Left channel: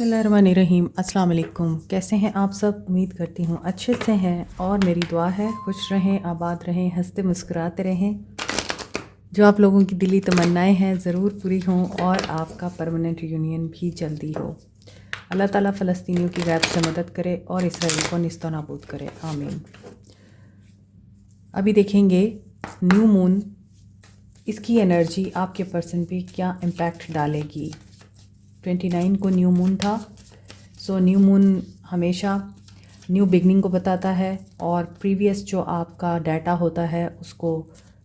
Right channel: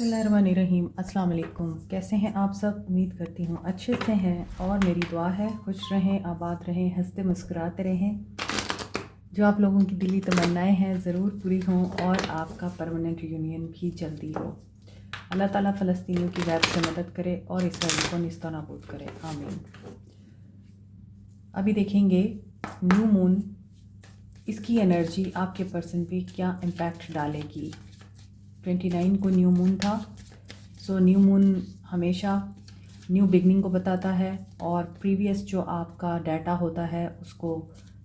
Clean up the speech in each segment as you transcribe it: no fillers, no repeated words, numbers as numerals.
बिस्मिल्लाहिर्रहमानिर्रहीम। अस्सलाम वालेकुम। कैसे हैं आप सब? उम्मीद करती हूँ अच्छे से हैं और मेरी दुआ है खुश रहें, आबाद रहें, हंसते मुस्कुराते रहें। जो आप लोगों की दिली तमन्नाएं हैं ज़रूर पूरी हों और आपका परमानेंट यूनियन भी जल्दी हो। अल्लाह ताला फ़लस्तीनियों की गैब से मदद करे और इसराइल को निस्तो नाबूद करे, आमीन। अभी देखेंगे न्यू मून, इसकी एनर्जी आपके पर्सन पे क्या इम्पैक्ट डालेगी। 29 को न्यू मून था। सो न्यू मून हमेशा न्यू बिगनिंग को बताता है और प्रीवियस जो आपका डाटा होता है उसको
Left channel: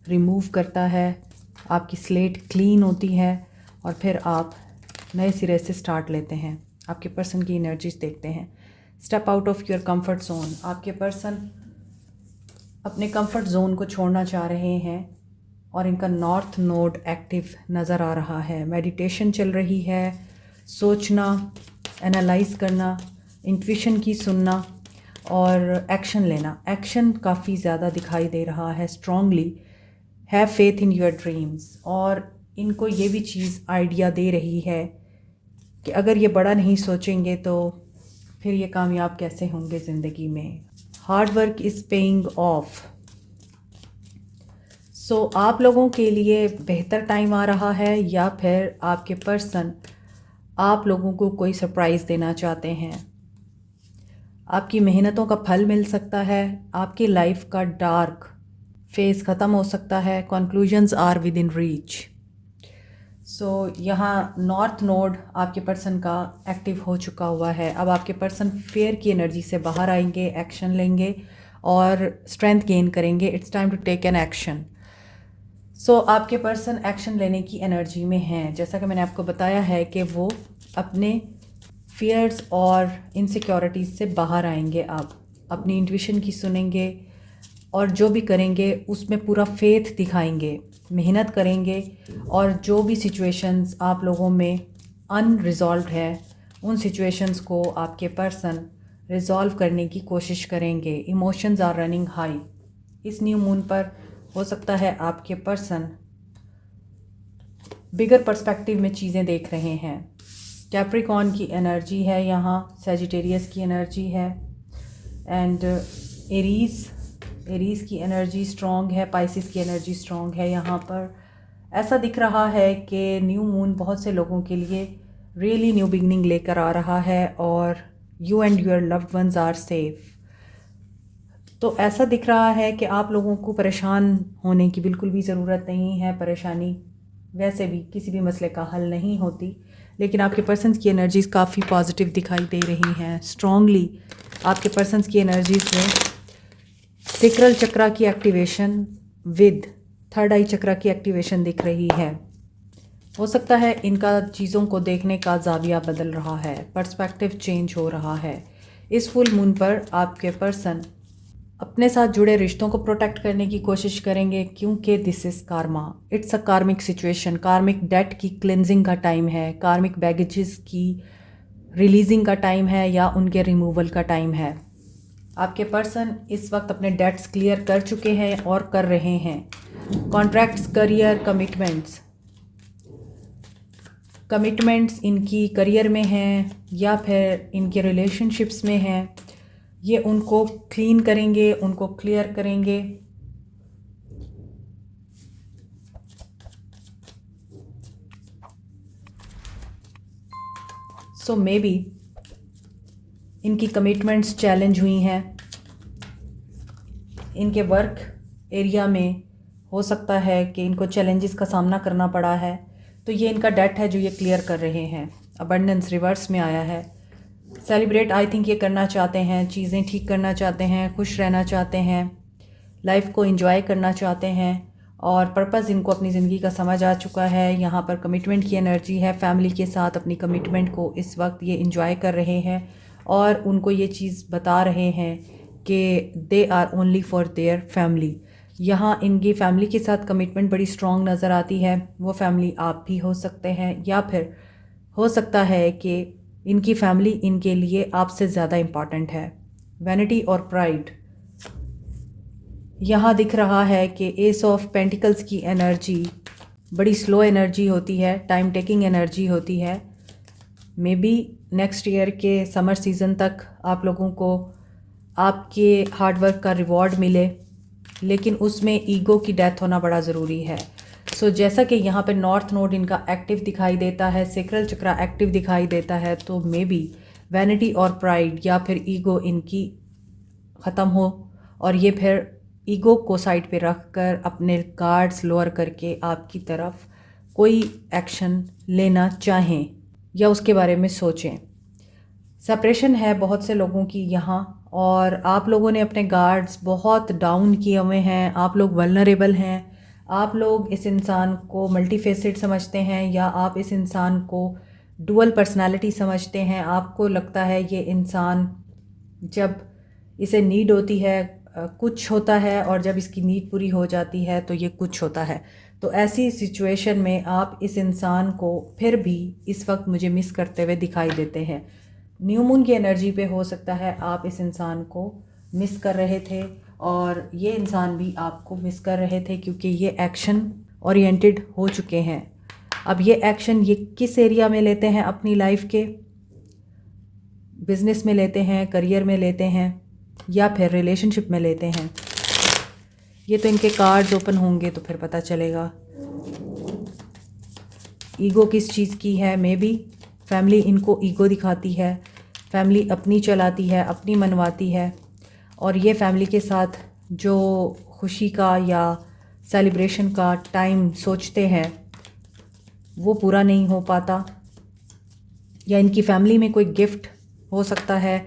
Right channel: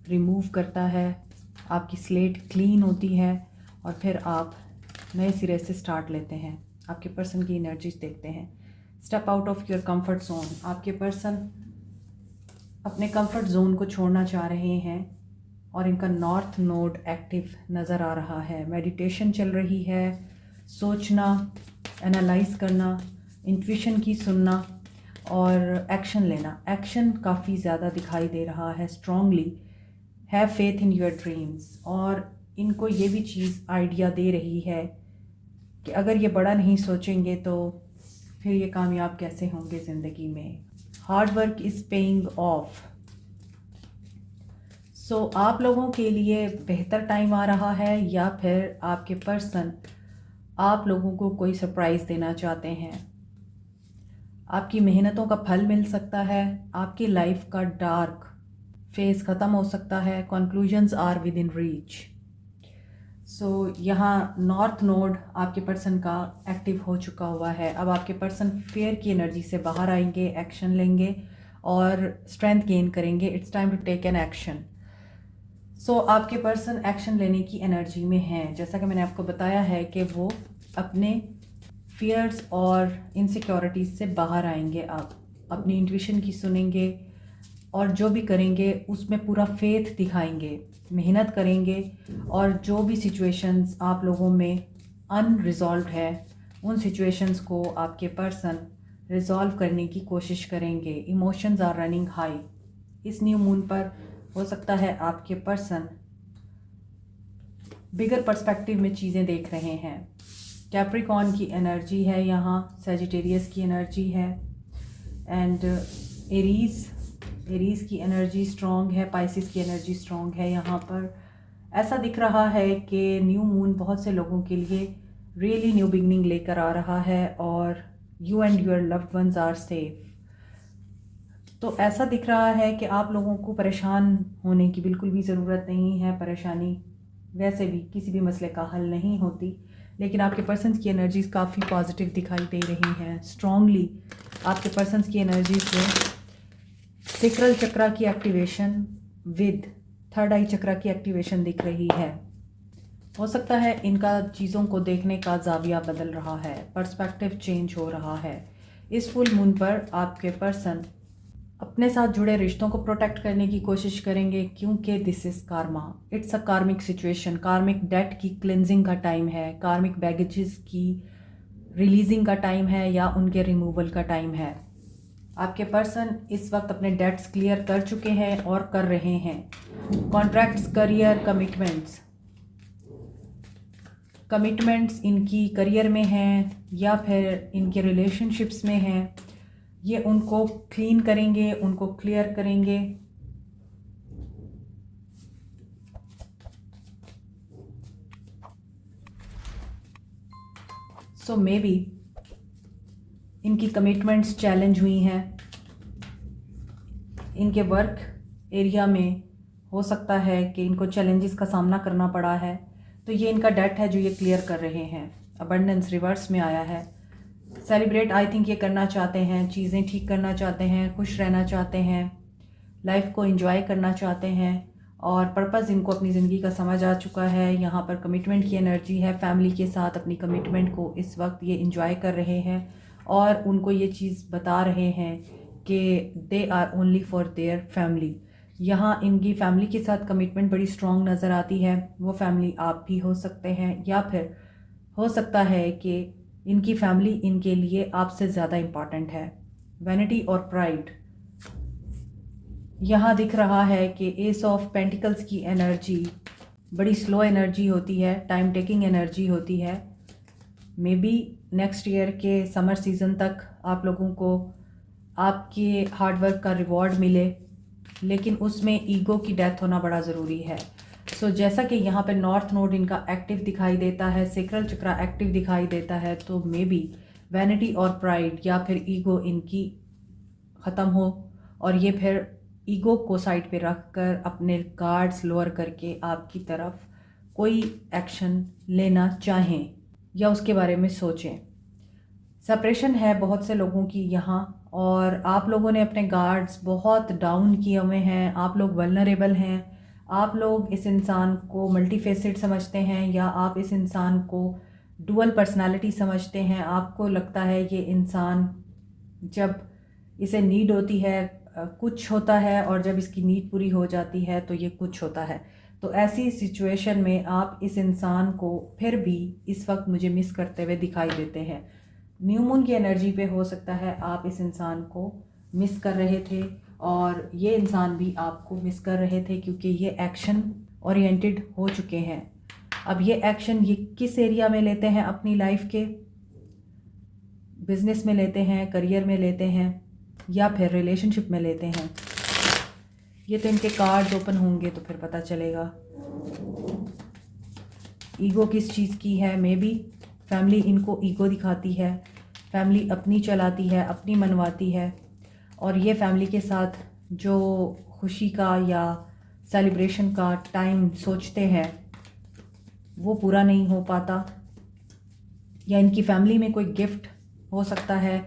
रिमूव करता है। आपकी स्लेट क्लीन होती है और फिर आप नए सिरे से स्टार्ट लेते हैं। आपके पर्सन की एनर्जीज देखते हैं। Step out of your comfort zone. आपके पर्सन अपने कंफर्ट जोन को छोड़ना चाह रहे हैं और इनका नॉर्थ नोड एक्टिव नज़र आ रहा है। मेडिटेशन चल रही है, सोचना, एनालाइज करना, इंट्यूशन की सुनना और एक्शन लेना। एक्शन काफ़ी ज़्यादा दिखाई दे रहा है। Strongly have faith in your dreams. और इनको ये भी चीज़ आइडिया दे रही है कि अगर ये बड़ा नहीं सोचेंगे तो फिर ये कामयाब कैसे होंगे ज़िंदगी में। Hard work is paying off. So आप लोगों के लिए बेहतर टाइम आ रहा है या फिर आपके पर्सन आप लोगों को कोई सरप्राइज़ देना चाहते हैं। आपकी मेहनतों का फल मिल सकता है। आपकी लाइफ का डार्क फेज़ ख़त्म हो सकता है। Conclusions are with in reach. So यहाँ नॉर्थ नोड आपके पर्सन का एक्टिव हो चुका हुआ है। अब आपके पर्सन फेयर की एनर्जी से बाहर आएंगे, एक्शन लेंगे और स्ट्रेंथ गेन करेंगे। It's time to take an action. So आपके पर्सन एक्शन लेने की एनर्जी में हैं। जैसा कि मैंने आपको बताया है कि वो अपने फियर्स और इनसिक्योरिटीज़ से बाहर आएंगे। आप अपनी इंट्यूशन की सुनेंगे और जो भी करेंगे उसमें पूरा फेथ दिखाएंगे, मेहनत करेंगे और जो भी सिचुएशंस आप लोगों में अनरिजॉल्व है उन सिचुएशंस को आपके पर्सन रिजॉल्व करने की कोशिश करेंगे। Emotions are running high. इस न्यू मून पर हो सकता है आपके पर्सन बिगर पर्सपेक्टिव में चीज़ें देख रहे हैं। कैप्रिकॉर्न की एनर्जी है यहाँ, सैजिटेरियस की एनर्जी है एंड एरीज़ की एनर्जी स्ट्रॉन्ग है, पाइसिस की एनर्जी स्ट्रॉन्ग है। यहाँ पर ऐसा दिख रहा है कि न्यू मून बहुत से लोगों के लिए रियली न्यू बिगनिंग लेकर आ रहा है और you and your loved ones are safe. तो ऐसा दिख रहा है कि आप लोगों को परेशान होने की बिल्कुल भी ज़रूरत नहीं है। परेशानी वैसे भी किसी भी मसले का हल नहीं होती, लेकिन आपके पर्सन्स की एनर्जीज़ काफ़ी पॉजिटिव दिखाई दे रही हैं। स्ट्रॉन्गली आपके पर्सन्स की एनर्जीज़ में सेक्रल चक्रा की एक्टिवेशन विद थर्ड आई चक्रा की एक्टिवेशन दिख रही है। हो सकता है इनका चीज़ों को देखने का ज़ाविया बदल रहा है, पर्सपेक्टिव चेंज हो रहा है। इस फुल मून पर आपके पर्सन अपने साथ जुड़े रिश्तों को प्रोटेक्ट करने की कोशिश करेंगे क्योंकि this is Karma. It's a कार्मिक सिचुएशन। कार्मिक डेट की क्लिनजिंग का टाइम है, कार्मिक बैगेजेस की रिलीजिंग का टाइम है या उनके रिमूवल का टाइम है। आपके पर्सन इस वक्त अपने डेट्स क्लियर कर चुके हैं और कर रहे हैं। कॉन्ट्रैक्ट्स, करियर, कमिटमेंट्स इनकी करियर में हैं या फिर इनके रिलेशनशिप्स में हैं। ये उनको क्लीन करेंगे, उनको क्लियर करेंगे। सो मे बी इनकी कमिटमेंट्स चैलेंज हुई हैं। इनके वर्क एरिया में हो सकता है कि इनको चैलेंजेस का सामना करना पड़ा है, तो ये इनका डेट है जो ये क्लियर कर रहे हैं। अबंडेंस रिवर्स में आया है। सेलिब्रेट आई थिंक ये करना चाहते हैं, चीज़ें ठीक करना चाहते हैं, खुश रहना चाहते हैं, लाइफ को एंजॉय करना चाहते हैं और पर्पस इनको अपनी ज़िंदगी का समझ आ चुका है। यहाँ पर कमिटमेंट की एनर्जी है। फैमिली के साथ अपनी कमिटमेंट को इस वक्त ये एंजॉय कर रहे हैं और उनको ये चीज़ बता रहे हैं कि they are only for their family. यहाँ इनकी फैमिली के साथ कमिटमेंट बड़ी स्ट्रॉन्ग नज़र आती है। वो फैमिली आप भी हो सकते हैं या फिर हो सकता है कि इनकी फैमिली इनके लिए आपसे ज़्यादा इम्पॉर्टेंट है। वैनिटी और प्राइड यहाँ दिख रहा है कि एस ऑफ पेंटिकल्स की एनर्जी बड़ी स्लो एनर्जी होती है, टाइम टेकिंग एनर्जी होती है। मे बी नेक्स्ट ईयर के समर सीज़न तक आप लोगों को आपके हार्डवर्क का रिवॉर्ड मिले, लेकिन उसमें ईगो की डेथ होना बड़ा ज़रूरी है। सो जैसा कि यहाँ पे नॉर्थ नोड इनका एक्टिव दिखाई देता है, सेक्रल चक्रा एक्टिव दिखाई देता है, तो मे बी वैनिटी और प्राइड या फिर ईगो इनकी ख़त्म हो और ये फिर ईगो को साइड पे रख कर अपने गार्ड्स लोअर करके आपकी तरफ कोई एक्शन लेना चाहें या उसके बारे में सोचें। सेपरेशन है बहुत से लोगों की यहाँ, और आप लोगों ने अपने गार्ड्स बहुत डाउन किए हुए हैं। आप लोग वल्नरेबल हैं। आप लोग इस इंसान को मल्टीफेसेड समझते हैं या आप इस इंसान को डुअल पर्सनालिटी समझते हैं। आपको लगता है ये इंसान जब इसे नीड होती है कुछ होता है, और जब इसकी नीड पूरी हो जाती है तो ये कुछ होता है। तो ऐसी सिचुएशन में आप इस इंसान को फिर भी इस वक्त मुझे मिस करते हुए दिखाई देते हैं। न्यू मून की एनर्जी पे हो सकता है आप इस इंसान को मिस कर रहे थे और ये इंसान भी आपको मिस कर रहे थे, क्योंकि ये एक्शन ओरिएंटेड हो चुके हैं। अब ये एक्शन ये किस एरिया में लेते हैं अपनी लाइफ के? बिजनेस में लेते हैं, करियर में लेते हैं, या फिर रिलेशनशिप में लेते हैं? ये तो इनके कार्ड्स ओपन होंगे तो फिर पता चलेगा। ईगो किस चीज़ की है? मे बी फैमिली इनको ईगो दिखाती है, फैमिली अपनी चलाती है, अपनी मनवाती है, और ये फैमिली के साथ जो खुशी का या सेलिब्रेशन का टाइम सोचते हैं वो पूरा नहीं हो पाता। या इनकी फैमिली में कोई गिफ्ट हो सकता है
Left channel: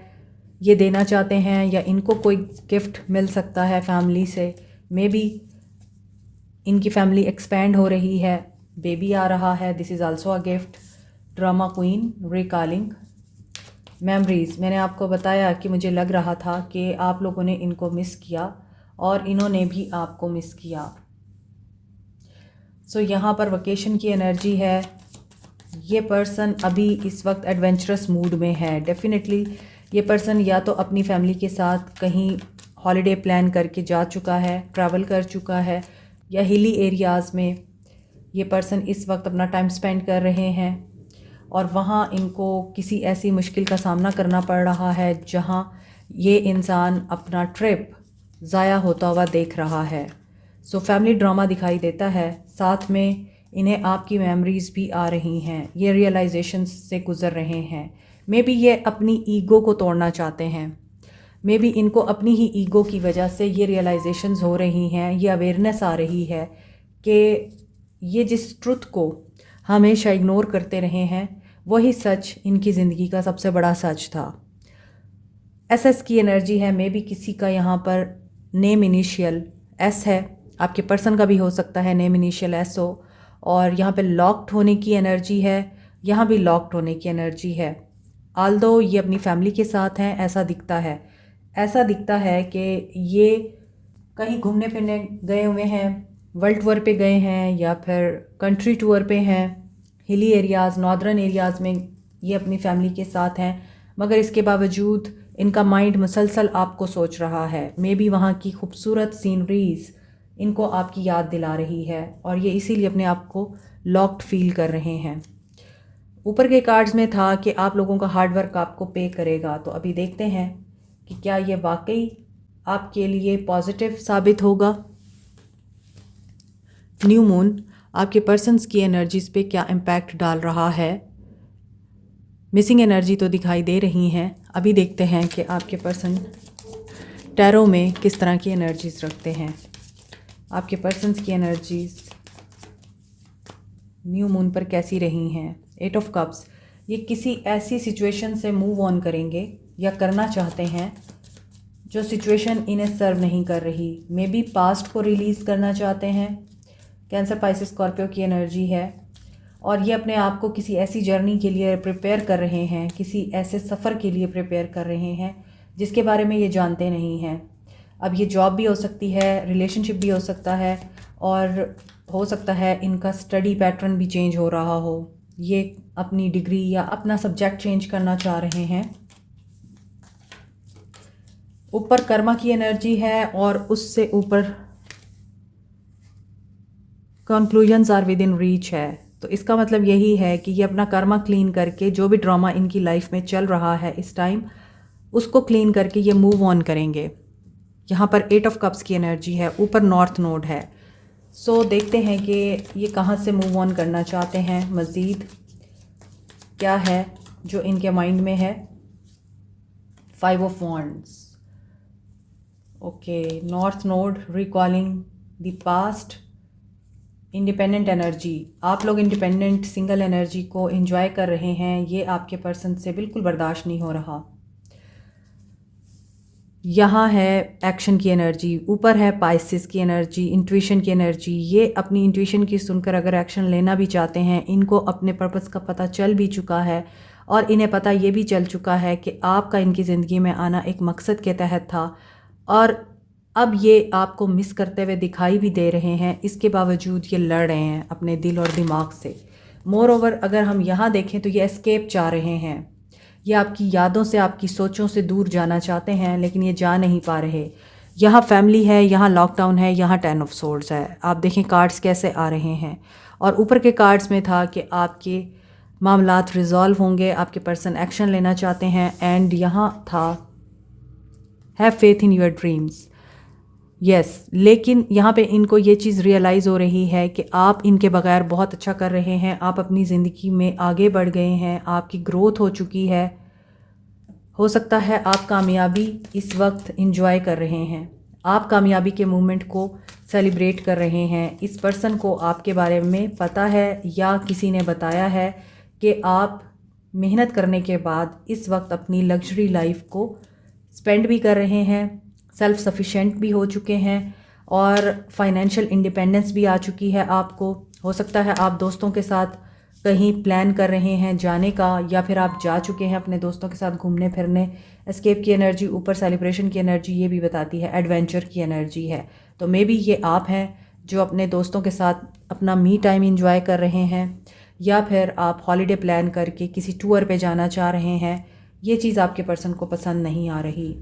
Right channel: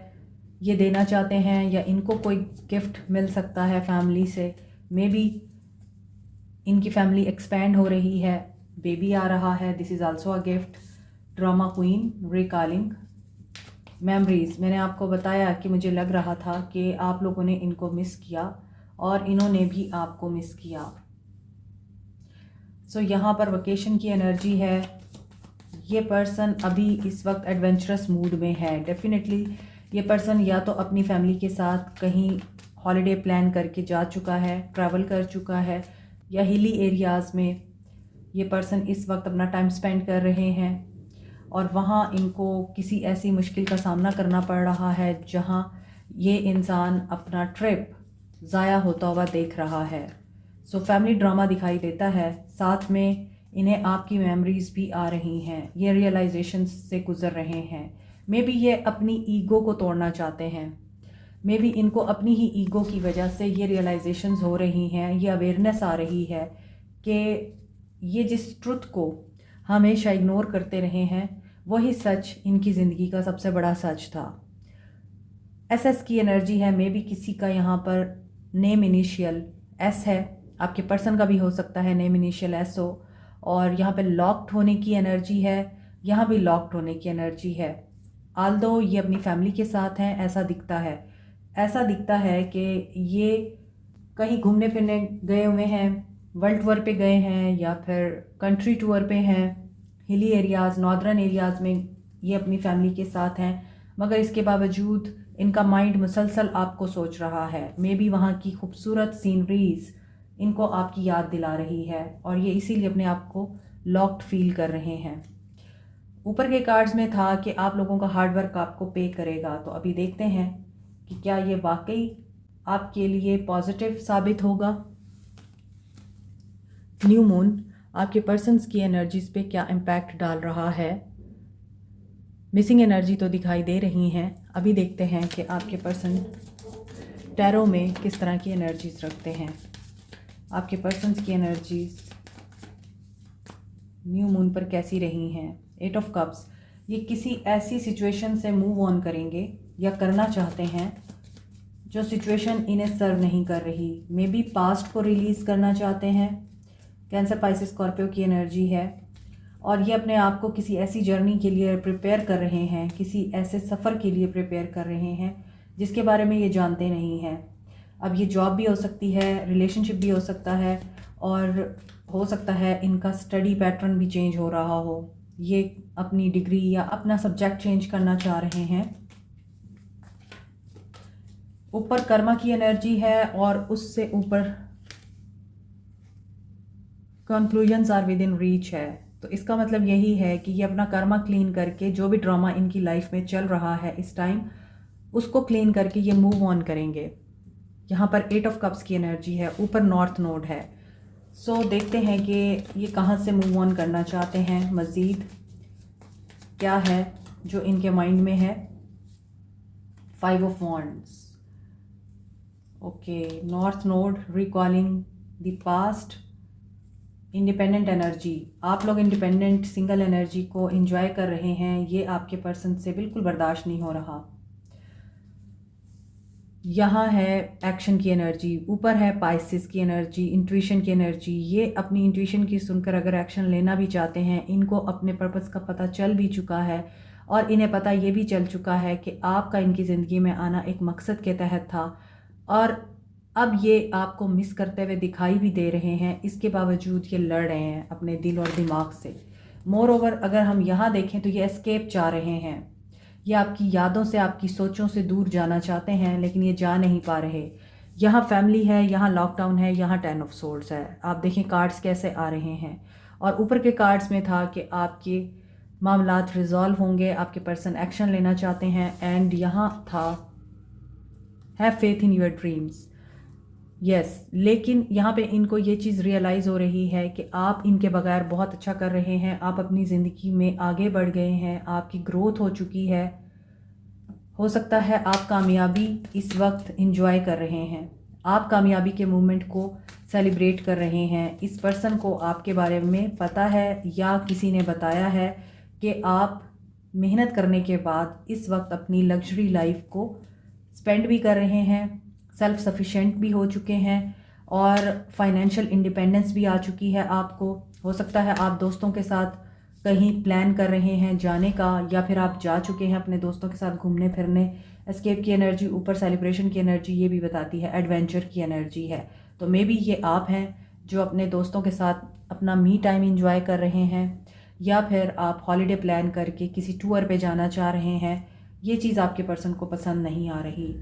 ये देना चाहते हैं, या इनको कोई गिफ्ट मिल सकता है फैमिली से। मे बी इनकी फैमिली एक्सपेंड हो रही है, बेबी आ रहा है, this is also a gift. Drama queen recalling memories. मैंने आपको बताया कि मुझे लग रहा था कि आप लोगों ने इनको मिस किया और इन्होंने भी आपको मिस किया। सो यहाँ पर वेकेशन की एनर्जी है। ये पर्सन अभी इस वक्त एडवेंचरस मूड में है। डेफिनेटली ये पर्सन या तो अपनी फैमिली के साथ कहीं हॉलिडे प्लान करके जा चुका है, ट्रैवल कर चुका है, या हिली एरियाज़ में ये पर्सन इस वक्त अपना टाइम स्पेंड कर रहे हैं और वहाँ इनको किसी ऐसी मुश्किल का सामना करना पड़ रहा है जहाँ ये इंसान अपना ट्रिप ज़ाया होता हुआ देख रहा है। सो फैमिली ड्रामा दिखाई देता है, साथ में इन्हें आपकी मेमोरीज़ भी आ रही हैं। ये रियलाइजेशन से गुज़र रहे हैं। मे बी ये अपनी ईगो को तोड़ना चाहते हैं। मे बी इनको अपनी ही ईगो की वजह से ये रियलाइजेशंस हो रही हैं, ये अवेयरनेस आ रही है कि ये जिस ट्रुथ को हमेशा इग्नोर करते रहे हैं वही सच इनकी ज़िंदगी का सबसे बड़ा सच था। एसएस की एनर्जी है। मे बी किसी का यहाँ पर नेम इनिशियल एस है, आपके पर्सन का भी हो सकता है नेम इनिशियल एस हो, और यहाँ पे लॉक्ड होने की एनर्जी है, यहाँ भी लॉक्ड होने की एनर्जी है। आल्दो ये अपनी फैमिली के साथ हैं, ऐसा दिखता है। ऐसा दिखता है कि ये कहीं घूमने फिरने गए हुए हैं, वर्ल्ड टूर पे गए हैं या फिर कंट्री टूर पे हैं। हिली एरियाज़, नॉर्दर्न एरियाज़ में ये अपनी फैमिली के साथ हैं, मगर इसके बावजूद इनका माइंड मुसलसल आपको सोच रहा है। मे बी वहाँ की खूबसूरत सीनरीज़ इनको आपकी याद दिला रही है और ये इसीलिए अपने आप को लॉक्ड फील कर रहे हैं। ऊपर के कार्ड्स में था कि आप लोगों का हार्डवर्क आपको पे करेगा, तो अभी देखते हैं कि क्या ये वाकई आपके लिए पॉजिटिव साबित होगा। न्यू मून आपके पर्सन्स की एनर्जीज़ पे क्या इम्पैक्ट डाल रहा है। मिसिंग एनर्जी तो दिखाई दे रही हैं। अभी देखते हैं कि आपके पर्सन टैरो में किस तरह की एनर्जीज़ रखते हैं। आपके पर्सन्स की एनर्जीज़ न्यू मून पर कैसी रही हैं। 8 ऑफ कप्स, ये किसी ऐसी सिचुएशन से मूव ऑन करेंगे या करना चाहते हैं जो सिचुएशन इन्हें सर्व नहीं कर रही। मे बी पास्ट को रिलीज़ करना चाहते हैं। कैंसर, पाइसेस, स्कॉर्पियो की एनर्जी है और ये अपने आप को किसी ऐसी जर्नी के लिए प्रिपेयर कर रहे हैं, किसी ऐसे सफ़र के लिए प्रिपेयर कर रहे हैं जिसके बारे में ये जानते नहीं हैं। अब ये जॉब भी हो सकती है, रिलेशनशिप भी हो सकता है, और हो सकता है इनका स्टडी पैटर्न भी चेंज हो रहा हो। ये अपनी डिग्री या अपना सब्जेक्ट चेंज करना चाह रहे हैं। ऊपर कर्मा की एनर्जी है और उससे ऊपर conclusions are with in reach है। तो इसका मतलब यही है कि ये अपना कर्मा क्लीन करके जो भी ड्रामा इनकी लाइफ में चल रहा है इस टाइम, उसको क्लीन करके ये मूव ऑन करेंगे। यहाँ पर 8 ऑफ कप्स की एनर्जी है, ऊपर नॉर्थ नोड है। सो देखते हैं कि ये कहाँ से मूव ऑन करना चाहते हैं, मज़ीद क्या है जो इनके माइंड में है। 5 of wands, okay, north node recalling the past, independent energy. आप लोग इंडिपेंडेंट सिंगल एनर्जी को एंजॉय कर रहे हैं, ये आपके पर्सन से बिल्कुल बर्दाश्त नहीं हो रहा। यहाँ है एक्शन की एनर्जी, ऊपर है पाइसिस की एनर्जी, इंट्यूशन की एनर्जी। ये अपनी इंट्यूशन की सुनकर अगर एक्शन लेना भी चाहते हैं, इनको अपने पर्पस का पता चल भी चुका है और इन्हें पता ये भी चल चुका है कि आपका इनकी ज़िंदगी में आना एक मकसद के तहत था और अब ये आपको मिस करते हुए दिखाई भी दे रहे हैं। इसके बावजूद ये लड़ रहे हैं अपने दिल और दिमाग से। मोर ओवर अगर हम यहाँ देखें तो ये एस्केप चाह रहे हैं, ये आपकी यादों से, आपकी सोचों से दूर जाना चाहते हैं, लेकिन ये जा नहीं पा रहे। यहाँ फैमिली है, यहाँ लॉकडाउन है, यहाँ 10 ऑफ सोर्ड्स है। आप देखें कार्ड्स कैसे आ रहे हैं और ऊपर के कार्ड्स में था कि आपके मामलात रिजॉल्व होंगे, आपके पर्सन एक्शन लेना चाहते हैं। एंड यहाँ था have faith in your dreams, yes. लेकिन यहाँ पे इनको ये चीज़ रियलाइज़ हो रही है कि आप इनके बगैर बहुत अच्छा कर रहे हैं, आप अपनी ज़िंदगी में आगे बढ़ गए हैं, आपकी ग्रोथ हो चुकी है। हो सकता है आप कामयाबी इस वक्त इंजॉय कर रहे हैं, आप कामयाबी के मोमेंट को सेलिब्रेट कर रहे हैं। इस पर्सन को आपके बारे में पता है या किसी ने बताया है कि आप मेहनत करने के बाद इस वक्त अपनी लग्जरी लाइफ को स्पेंड भी कर रहे हैं, सेल्फ सफिशेंट भी हो चुके हैं और फाइनेंशियल इंडिपेंडेंस भी आ चुकी है आपको। हो सकता है आप दोस्तों के साथ कहीं प्लान कर रहे हैं जाने का, या फिर आप जा चुके हैं अपने दोस्तों के साथ घूमने फिरने। एस्केप की एनर्जी, ऊपर सेलिब्रेशन की एनर्जी ये भी बताती है, एडवेंचर की एनर्जी है। तो मे बी ये आप हैं जो अपने दोस्तों के साथ अपना मी टाइम इंजॉय कर रहे हैं, या फिर आप हॉलीडे प्लान करके किसी टूर पे जाना चाह रहे हैं। ये चीज़ आपके पर्सन को पसंद नहीं आ रही।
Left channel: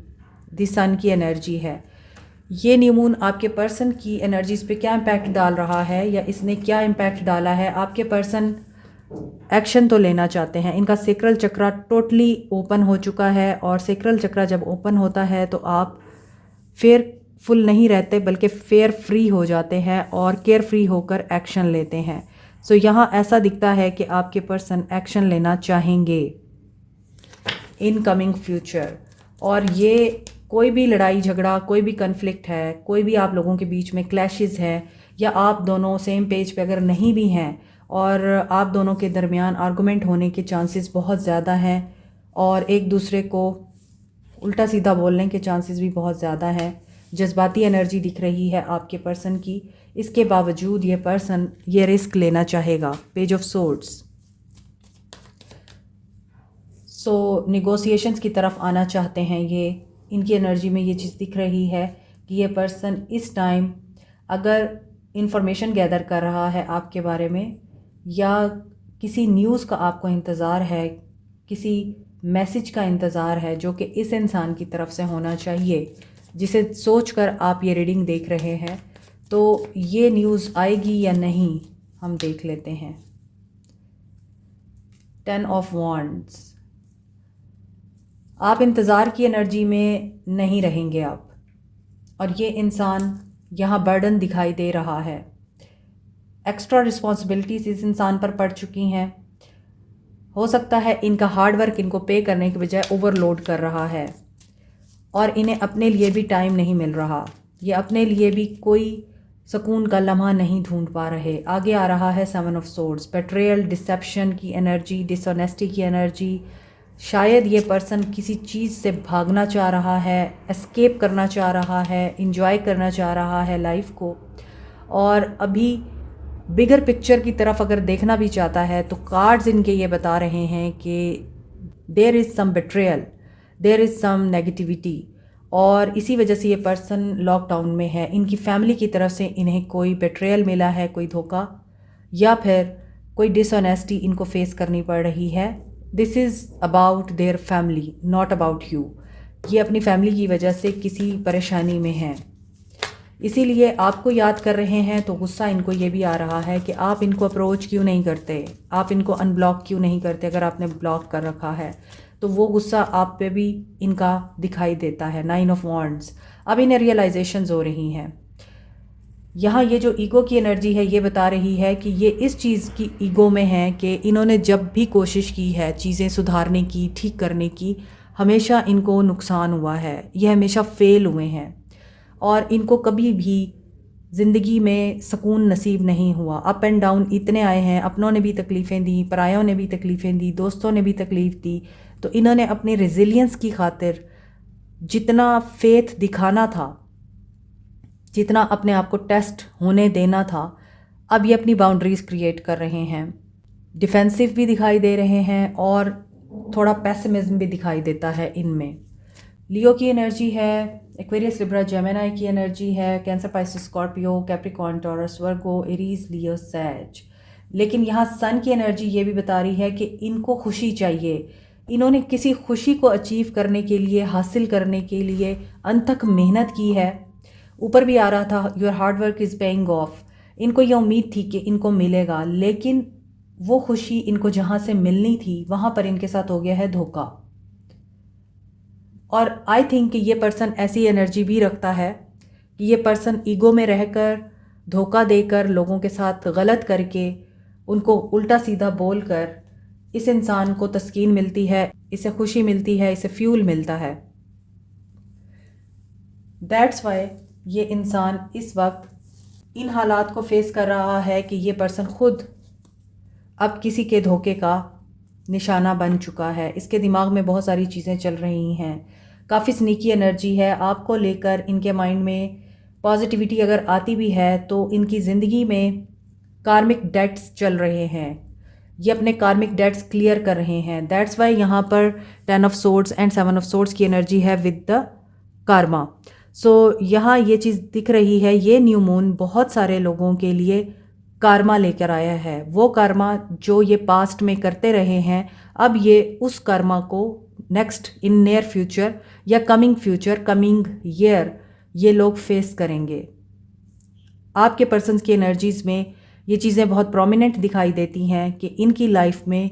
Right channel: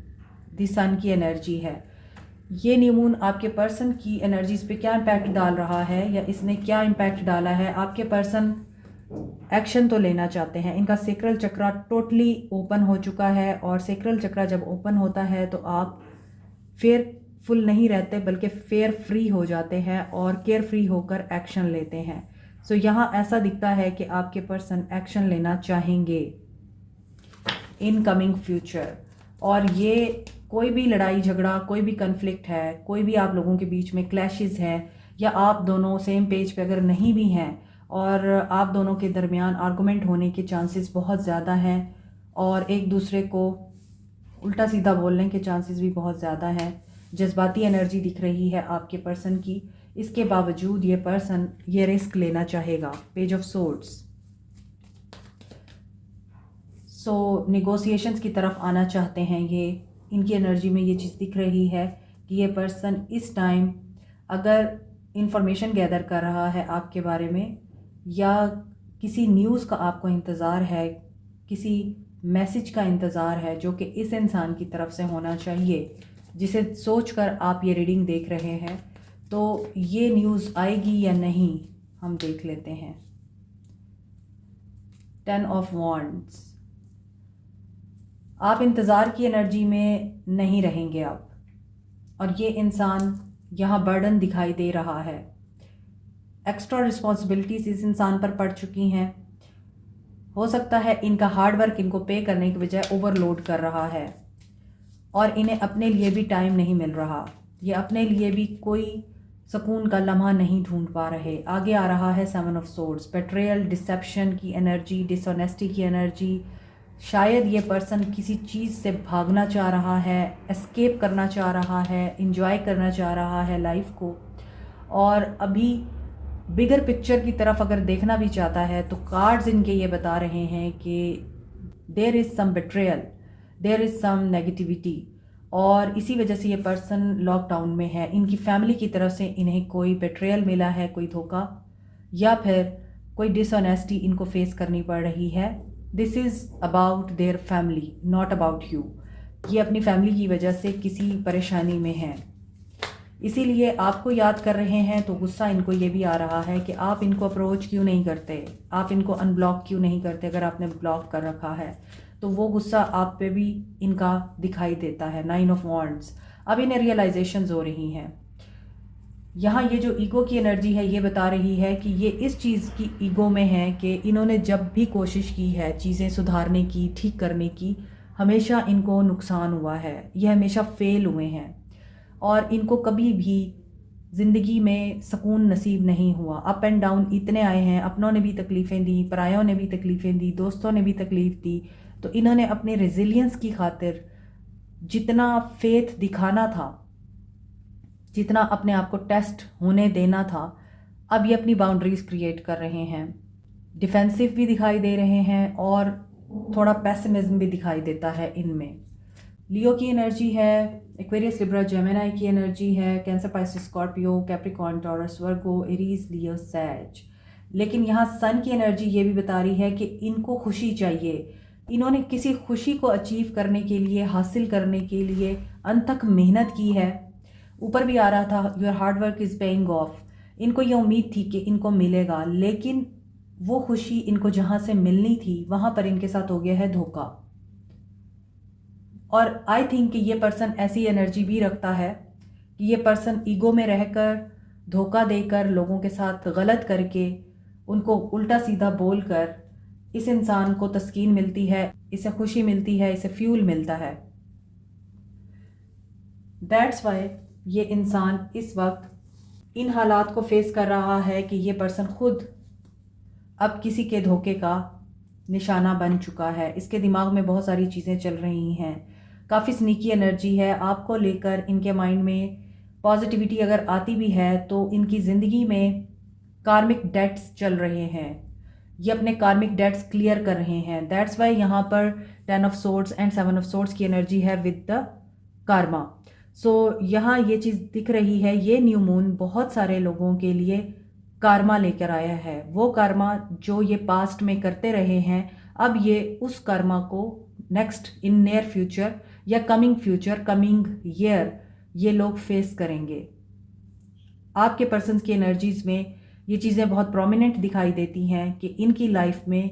द सन की एनर्जी है। ये न्यू मून आपके पर्सन की एनर्जीज पे क्या इम्पैक्ट डाल रहा है या इसने क्या इम्पैक्ट डाला है। आपके पर्सन एक्शन तो लेना चाहते हैं, इनका सेक्रल चक्रा टोटली ओपन हो चुका है और सेक्रल चक्रा जब ओपन होता है तो आप फेयरफुल नहीं रहते बल्कि फेयर फ्री हो जाते हैं और केयर फ्री होकर एक्शन लेते हैं। सो यहाँ ऐसा दिखता है कि आपके पर्सन एक्शन लेना चाहेंगे इन कमिंग फ्यूचर। और ये कोई भी लड़ाई झगड़ा, कोई भी कन्फ्लिक्ट है, कोई भी आप लोगों के बीच में क्लैशेस हैं, या आप दोनों सेम पेज पे अगर नहीं भी हैं और आप दोनों के दरमियान आर्गुमेंट होने के चांसेस बहुत ज़्यादा हैं और एक दूसरे को उल्टा सीधा बोलने के चांसेस भी बहुत ज़्यादा हैं। जज्बाती एनर्जी दिख रही है आपके पर्सन की। इसके बावजूद ये पर्सन ये रिस्क लेना चाहेगा। Page of swords, so negotiations की तरफ आना चाहते हैं ये। इनकी एनर्जी में ये चीज़ दिख रही है कि ये पर्सन इस टाइम अगर इंफॉर्मेशन गैदर कर रहा है आपके बारे में, या किसी न्यूज़ का आपको इंतज़ार है, किसी मैसेज का इंतज़ार है जो कि इस इंसान की तरफ से होना चाहिए, जिसे सोचकर आप ये रीडिंग देख रहे हैं। तो ये न्यूज़ आएगी या नहीं, हम देख लेते हैं। 10 ऑफ वॉन्ड्स, आप इंतज़ार की एनर्जी में नहीं रहेंगे अब, और ये इंसान यहाँ बर्डन दिखाई दे रहा है। एक्स्ट्रा रिस्पॉन्सिबिलिटीज़ इस इंसान पर पड़ चुकी हैं। हो सकता है इनका हार्डवर्क इनको पे करने के बजाय ओवरलोड कर रहा है और इन्हें अपने लिए भी टाइम नहीं मिल रहा। ये अपने लिए भी कोई सुकून का लम्हा नहीं ढूंढ पा रहे। आगे आ रहा है 7 ऑफ सोर्ड्स, बेट्रेयल, डिसेप्शन की एनर्जी, डिसऑनेस्टी की एनर्जी। शायद ये पर्सन किसी चीज़ से भागना चाह रहा है, एस्केप करना चाह रहा है, इंजॉय करना चाह रहा है लाइफ को, और अभी बिगर पिक्चर की तरफ अगर देखना भी चाहता है तो कार्ड्स इनके ये बता रहे हैं कि there is some betrayal, there is some negativity, और इसी वजह से ये पर्सन लॉकडाउन में है। इनकी फैमिली की तरफ से इन्हें कोई बेट्रेयल मिला है, कोई धोखा, या फिर कोई डिसऑनेस्टी इनको फेस करनी पड़ रही है। This is about their family, not about you. ये अपनी फैमिली की वजह से किसी परेशानी में हैं। इसीलिए आपको याद कर रहे हैं, तो गुस्सा इनको ये भी आ रहा है कि आप इनको अप्रोच क्यों नहीं करते, आप इनको अनब्लॉक क्यों नहीं करते। अगर आपने ब्लॉक कर रखा है तो वो गुस्सा आप पे भी इनका दिखाई देता है। 9 ऑफ वॉन्ड्स, अब इन्हें रियलाइजेशंस हो रही हैं। यहाँ ये जो ईगो की एनर्जी है ये बता रही है कि ये इस चीज़ की ईगो में है कि इन्होंने जब भी कोशिश की है चीज़ें सुधारने की, ठीक करने की, हमेशा इनको नुकसान हुआ है, ये हमेशा फेल हुए हैं और इनको कभी भी ज़िंदगी में सुकून नसीब नहीं हुआ। अप एंड डाउन इतने आए हैं, अपनों ने भी तकलीफ़ें दी, परायों ने भी तकलीफ़ें दी, दोस्तों ने भी तकलीफ़ दी। तो इन्होंने अपनी रेजिलियंस की खातिर जितना फेथ दिखाना था, जितना अपने आप को टेस्ट होने देना था, अब ये अपनी बाउंड्रीज़ क्रिएट कर रहे हैं। डिफेंसिव भी दिखाई दे रहे हैं और थोड़ा पेसिमिज्म भी दिखाई देता है इनमें। लियो की एनर्जी है, एक्वेरियस, लिब्रा, जेमिनी की एनर्जी है, Cancer, Pisces, Scorpio, Capricorn, Taurus, Virgo, Aries, Leo, सैज। लेकिन यहाँ सन की एनर्जी ये भी बता रही है कि इनको खुशी चाहिए। इन्होंने किसी खुशी को अचीव करने के लिए, हासिल करने के लिए अनथक मेहनत की है। ऊपर भी आ रहा था your hard work is paying of. इनको ये उम्मीद थी कि इनको मिलेगा, लेकिन वो खुशी इनको जहाँ से मिलनी थी वहाँ पर इनके साथ हो गया है धोखा। और आई थिंक कि ये पर्सन ऐसी एनर्जी भी रखता है कि ये पर्सन ईगो में रहकर, धोखा देकर, लोगों के साथ गलत करके, उनको उल्टा सीधा बोलकर इस इंसान को तस्कीन मिलती है, इसे खुशी मिलती है, इसे फ्यूल मिलता है। दैट्स वाई ये इंसान इस वक्त इन हालात को फेस कर रहा है कि ये पर्सन खुद अब किसी के धोखे का निशाना बन चुका है। इसके दिमाग में बहुत सारी चीज़ें चल रही हैं, काफ़ी स्नीकी एनर्जी है आपको लेकर। इनके माइंड में पॉजिटिविटी अगर आती भी है तो इनकी ज़िंदगी में कार्मिक डेट्स चल रहे हैं, ये अपने कार्मिक डेट्स क्लियर कर रहे हैं। दैट्स वाई यहाँ पर 10 of swords and 7 of swords की एनर्जी है विद द कार्मा। सो यहाँ ये चीज़ दिख रही है, ये न्यू मून बहुत सारे लोगों के लिए कार्मा लेकर आया है। वो कार्मा जो ये पास्ट में करते रहे हैं, अब ये उस कार्मा को नेक्स्ट इन नियर फ्यूचर या कमिंग फ्यूचर, कमिंग ईयर ये लोग फेस करेंगे। आपके पर्सन्स की एनर्जीज़ में ये चीज़ें बहुत प्रोमिनेंट दिखाई देती हैं कि इनकी लाइफ में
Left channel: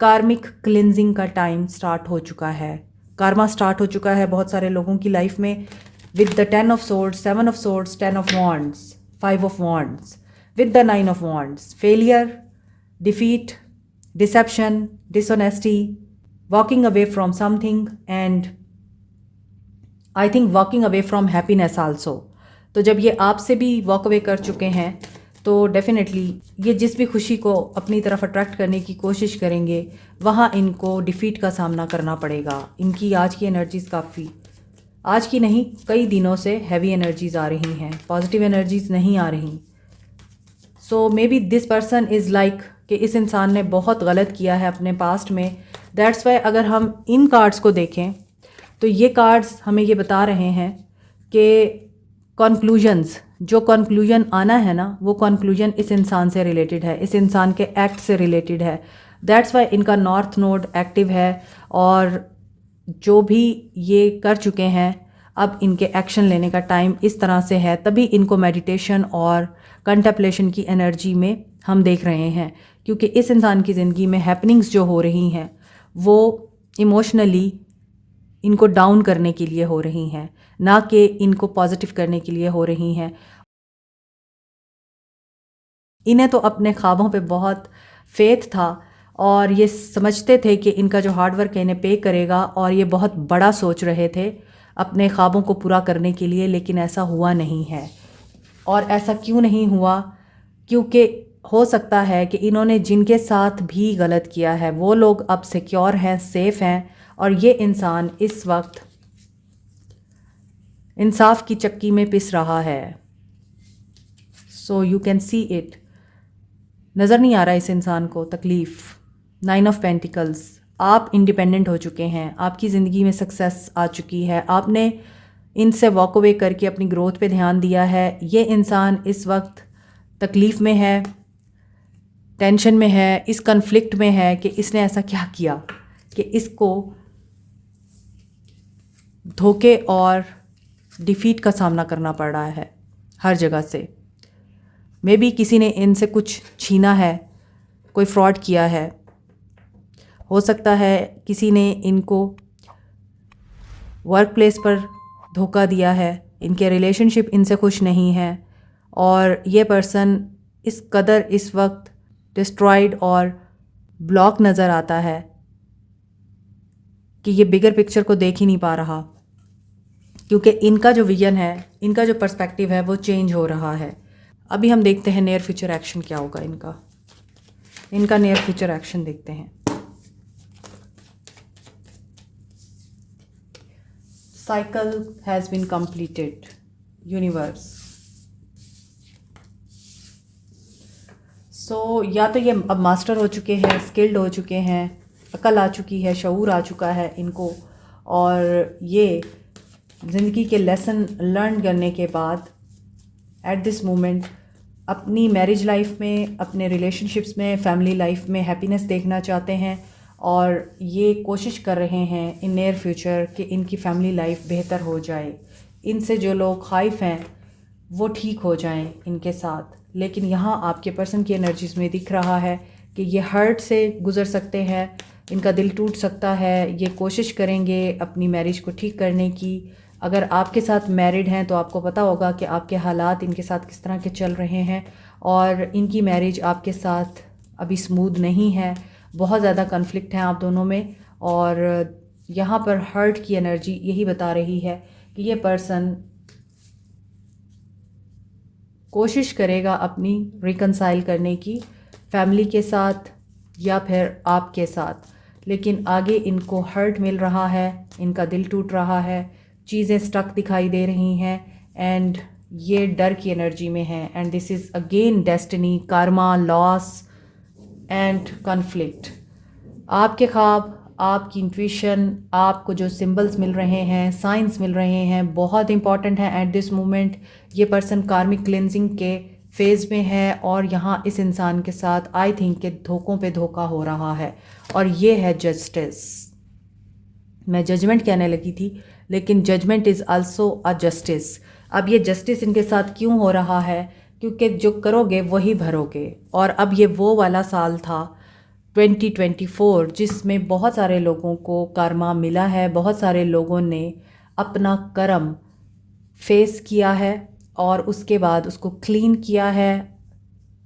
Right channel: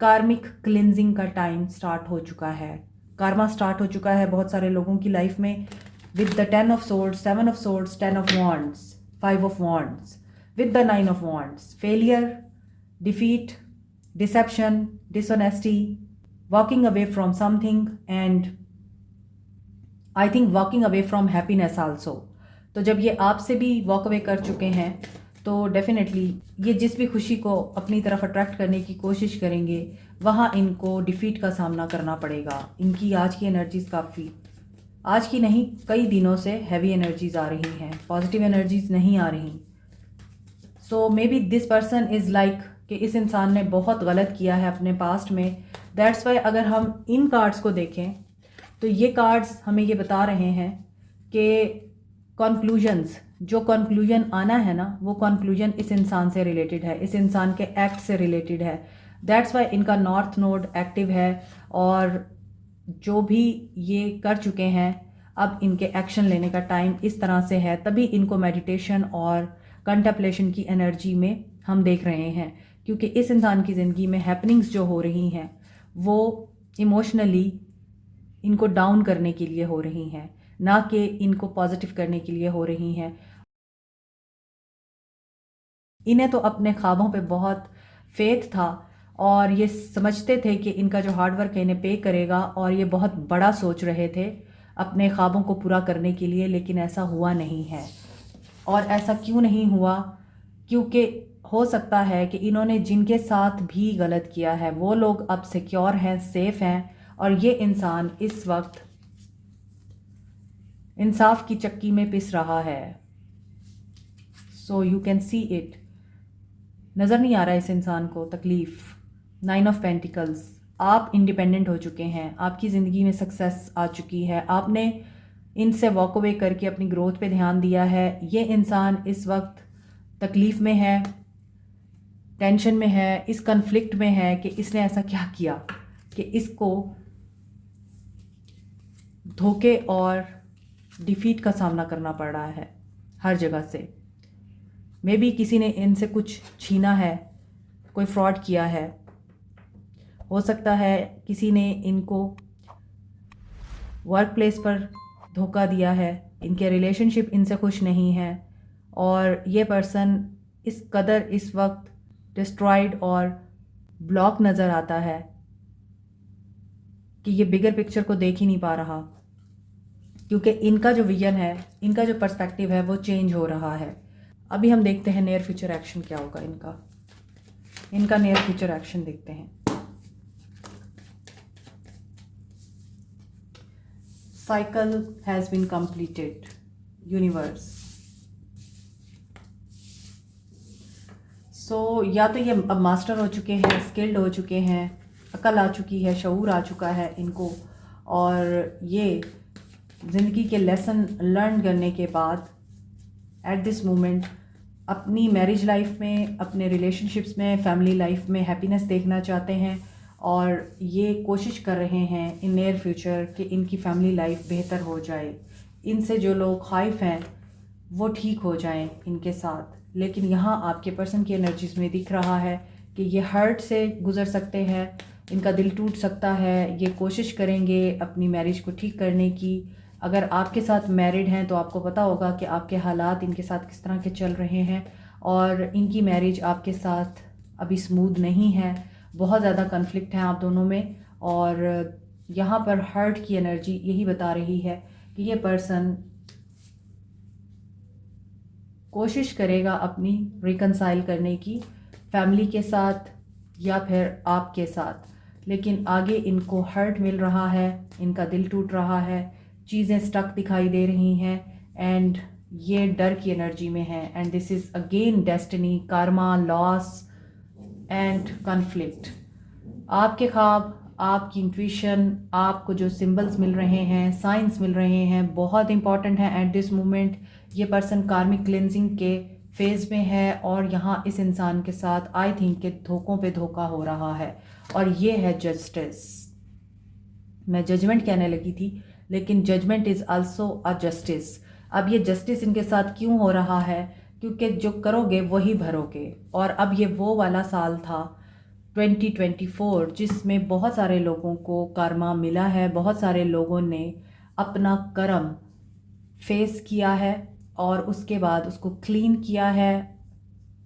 कार्मिक क्लिनजिंग का टाइम स्टार्ट हो चुका है, कार्मा स्टार्ट हो चुका है बहुत सारे लोगों की लाइफ में। With the 10 of swords, 7 of swords, 10 of wands, 5 of wands, with the 9 of wands, failure, defeat, deception, dishonesty, walking away from something, and I think walking away from happiness also. तो जब ये आपसे भी walk away कर चुके हैं तो definitely ये जिस भी खुशी को अपनी तरफ अट्रैक्ट करने की कोशिश करेंगे वहाँ इनको डिफीट का सामना करना पड़ेगा। इनकी आज की एनर्जीज़ काफ़ी, आज की नहीं कई दिनों से हैवी एनर्जीज़ आ रही हैं, पॉजिटिव एनर्जीज़ नहीं आ रही। So may be this person is like कि इस इंसान ने बहुत गलत किया है अपने पास्ट में। दैट्स वाई अगर हम इन कार्ड्स को देखें तो ये कार्ड्स हमें ये बता रहे हैं कि कॉन्क्लूजन्स, जो कॉन्क्लूजन आना है ना, वो कॉन्क्लूजन इस इंसान से रिलेटेड है, इस इंसान के एक्ट से रिलेटेड है। दैट्स वाई इनका नॉर्थ नोड एक्टिव है और जो भी ये कर चुके हैं अब इनके एक्शन लेने का टाइम इस तरह से है, तभी इनको मेडिटेशन और कंटेम्पलेशन की एनर्जी में हम देख रहे हैं। क्योंकि इस इंसान की ज़िंदगी में हैपनिंग्स जो हो रही हैं वो इमोशनली इनको डाउन करने के लिए हो रही हैं, ना कि इनको पॉजिटिव करने के लिए हो रही हैं। इन्हें तो अपने ख्वाबों पे बहुत फेथ था और ये समझते थे कि इनका जो हार्डवर्क है इन्हें पे करेगा, और ये बहुत बड़ा सोच रहे थे अपने ख्वाबों को पूरा करने के लिए, लेकिन ऐसा हुआ नहीं है। और ऐसा क्यों नहीं हुआ? क्योंकि हो सकता है कि इन्होंने जिनके साथ भी गलत किया है वो लोग अब सिक्योर हैं, सेफ़ हैं, और ये इंसान इस वक्त इंसाफ की चक्की में पिस रहा है। So you can see it, नज़र नहीं आ रहा इस इंसान को तकलीफ़। 9 ऑफ पेंटिकल्स, आप इंडिपेंडेंट हो चुके हैं, आपकी ज़िंदगी में सक्सेस आ चुकी है, आपने इनसे वॉक अवे करके अपनी ग्रोथ पे ध्यान दिया है। ये इंसान इस वक्त तकलीफ़ में है, टेंशन में है, इस कन्फ्लिक्ट में है कि इसने ऐसा क्या किया कि इसको धोखे और डिफीट का सामना करना पड़ रहा है। हर जगह से। मे बी किसी ने इनसे कुछ छीना है, कोई फ्रॉड किया है, हो सकता है किसी ने इनको वर्क प्लेस पर धोखा दिया है, इनके रिलेशनशिप इनसे खुश नहीं है और ये पर्सन इस कदर इस वक्त डिस्ट्रॉयड और ब्लॉक नज़र आता है कि ये बिगर पिक्चर को देख ही नहीं पा रहा, क्योंकि इनका जो विजन है, इनका जो पर्सपेक्टिव है वो चेंज हो रहा है। अभी हम देखते हैं नियर फ्यूचर एक्शन क्या होगा इनका नियर फ्यूचर एक्शन देखते हैं। Cycle has been completed, universe. So या तो ये अब मास्टर हो चुके हैं, स्किल्ड हो चुके हैं, अकल आ चुकी है, शऊर आ चुका है इनको, और ये ज़िंदगी के लेसन लर्न करने के बाद एट दिस मोमेंट अपनी मैरिज लाइफ में, अपने रिलेशनशिप्स में, फैमिली लाइफ में हैप्पीनेस देखना चाहते हैं और ये कोशिश कर रहे हैं इन नियर फ्यूचर कि इनकी फैमिली लाइफ बेहतर हो जाए, इनसे जो लोग खाइफ हैं वो ठीक हो जाएं इनके साथ। लेकिन यहाँ आपके पर्सन की एनर्जीज में दिख रहा है कि ये हर्ट से गुज़र सकते हैं, इनका दिल टूट सकता है, ये कोशिश करेंगे अपनी मैरिज को ठीक करने की। अगर आपके साथ मैरिड हैं तो आपको पता होगा कि आपके हालात इनके साथ किस तरह के चल रहे हैं और इनकी मैरिज आपके साथ अभी स्मूथ नहीं है, बहुत ज़्यादा कन्फ्लिक्ट है आप दोनों में। और यहाँ पर हर्ट की एनर्जी यही बता रही है कि ये पर्सन कोशिश करेगा अपनी रिकंसाइल करने की फैमिली के साथ या फिर आपके साथ, लेकिन आगे इनको हर्ट मिल रहा है, इनका दिल टूट रहा है, चीज़ें स्टक दिखाई दे रही हैं एंड ये डर की एनर्जी में है। And this is again destiny, Karma, loss and conflict. आपके ख्वाब, आपकी इंट्यूशन, आपको जो सिंबल्स मिल रहे हैं, साइंस मिल रहे हैं, बहुत इंपॉर्टेंट है एट दिस मोमेंट। ये पर्सन कार्मिक क्लेंजिंग के फेज़ में है और यहाँ इस इंसान के साथ आई थिंक कि धोखों पे धोखा हो रहा है और ये है जस्टिस। मैं जजमेंट कहने लगी थी, लेकिन judgement is also a justice. अब ये जस्टिस इनके साथ क्यों हो रहा है? क्योंकि जो करोगे वही भरोगे। और अब ये वो वाला साल था 2024 जिसमें बहुत सारे लोगों को कर्मा मिला है, बहुत सारे लोगों ने अपना कर्म फेस किया है और उसके बाद उसको क्लीन किया है,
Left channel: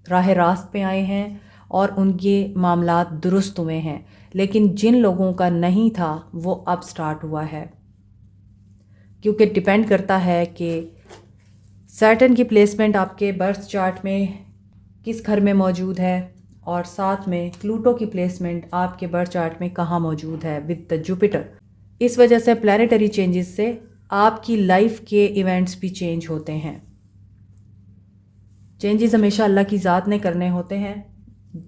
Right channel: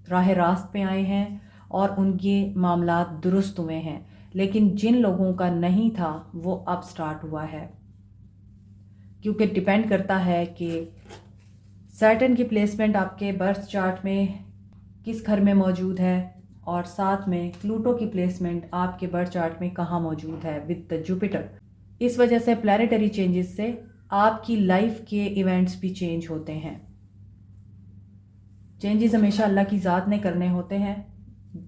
राह रास्त पे आए हैं और उनके मामलात दुरुस्त हुए हैं। लेकिन जिन लोगों का नहीं था वो अब स्टार्ट हुआ है, क्योंकि डिपेंड करता है कि सैटर्न की प्लेसमेंट आपके बर्थ चार्ट में किस घर में मौजूद है और साथ में प्लूटो की प्लेसमेंट आपके बर्थ चार्ट में कहाँ मौजूद है विद द जुपिटर। इस वजह से प्लैनेटरी चेंजेस से आपकी लाइफ के इवेंट्स भी चेंज होते हैं। चेंजेस हमेशा अल्लाह की ज़ात ने करने होते हैं।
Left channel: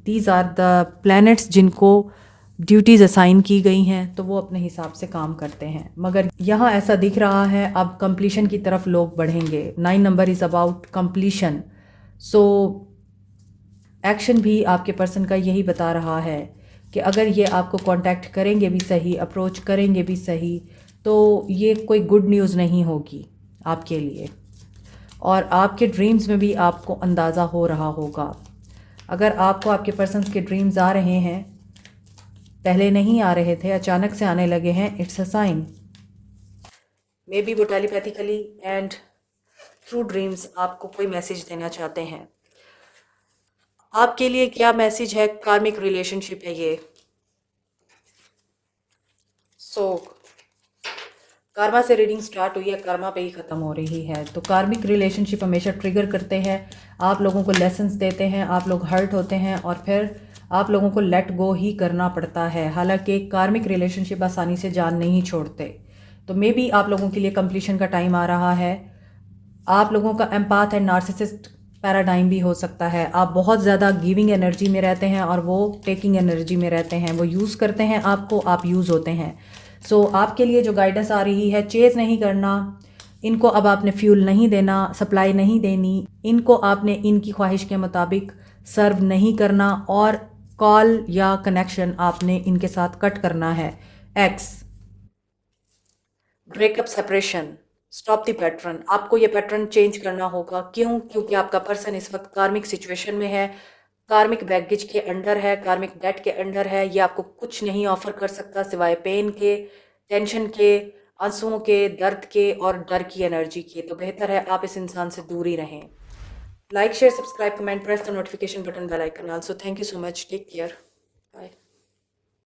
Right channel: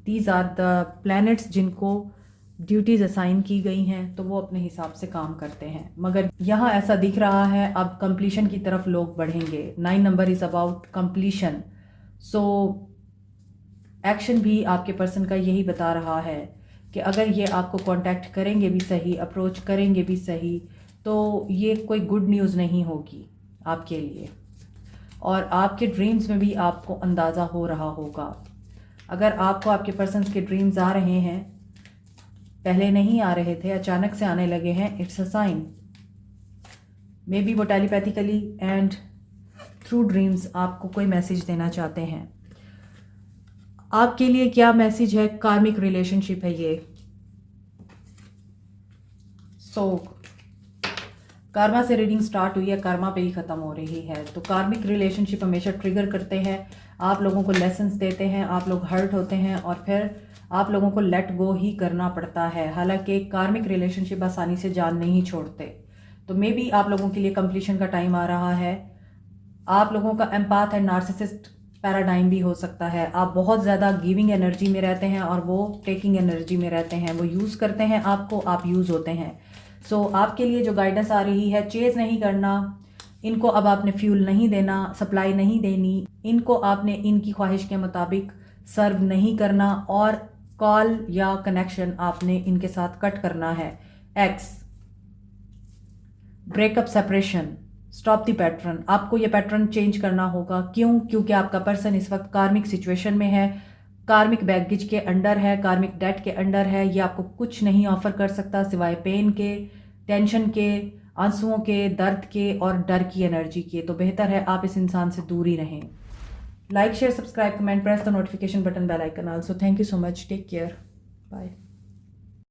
दीज आर द प्लैनेट्स जिनको ड्यूटीज़ असाइन की गई हैं तो वो अपने हिसाब से काम करते हैं। मगर यहाँ ऐसा दिख रहा है अब कंप्लीशन की तरफ लोग बढ़ेंगे। 9 number is about completion. So action भी आपके पर्सन का यही बता रहा है कि अगर ये आपको कांटेक्ट करेंगे भी सही, अप्रोच करेंगे भी सही, तो ये कोई गुड न्यूज़ नहीं होगी आपके लिए। और आपके ड्रीम्स में भी आपको अंदाज़ा हो रहा होगा। अगर आपको आपके पर्सन्स के ड्रीम्स आ रहे हैं, पहले नहीं आ रहे थे, अचानक से आने लगे हैं, it's a sign. Maybe वो टेलीपैथिकली एंड थ्रू ड्रीम्स आपको कोई मैसेज देना चाहते हैं। आपके लिए क्या मैसेज है? कार्मिक रिलेशनशिप है ये। कर्मा से रीडिंग स्टार्ट हुई है, कर्मा पे ही ख़त्म हो रही है। तो कार्मिक रिलेशनशिप हमेशा ट्रिगर करते हैं, आप लोगों को लेसन्स देते हैं, आप लोग हर्ट होते हैं और फिर आप लोगों को लेट गो ही करना पड़ता है। हालांकि कार्मिक रिलेशनशिप आसानी से जान नहीं छोड़ते। तो मे बी आप लोगों के लिए कंप्लीशन का टाइम आ रहा है। आप लोगों का एम्पैथ एंड नार्सिसिस्ट पैराडाइम भी हो सकता है। आप बहुत ज़्यादा गिविंग एनर्जी में रहते हैं और वो टेकिंग एनर्जी में रहते हैं। वो यूज़ करते हैं आपको, आप यूज़ होते हैं। सो आपके लिए जो गाइडेंस आ रही है, चेज़ नहीं करना, इनको अब आपने फ्यूल नहीं देना, सप्लाई नहीं देनी, इनको आपने इनकी ख्वाहिश के मुताबिक सर्व नहीं करना और कॉल या कनेक्शन आपने इनके साथ कट करना है। X, breakup, separation, stop the pattern. आपको ये पैटर्न चेंज करना होगा। क्यों? क्योंकि आपका पर्सन इस वक्त कार्मिक सिचुएशन में है, कार्मिक बैगेज के अंडर है, कार्मिक डेट के अंडर है। ये आपको कुछ नहीं ऑफर कर सकता सिवाय पेन के, टेंशन के, आंसुओं के, दर्द के और डर की एनर्जी के। तो बेहतर है आप इस इंसान से दूर ही रहें। Like, share, subscribe, comment, press the notification button, bell icon also. Thank you so much, take care, bye.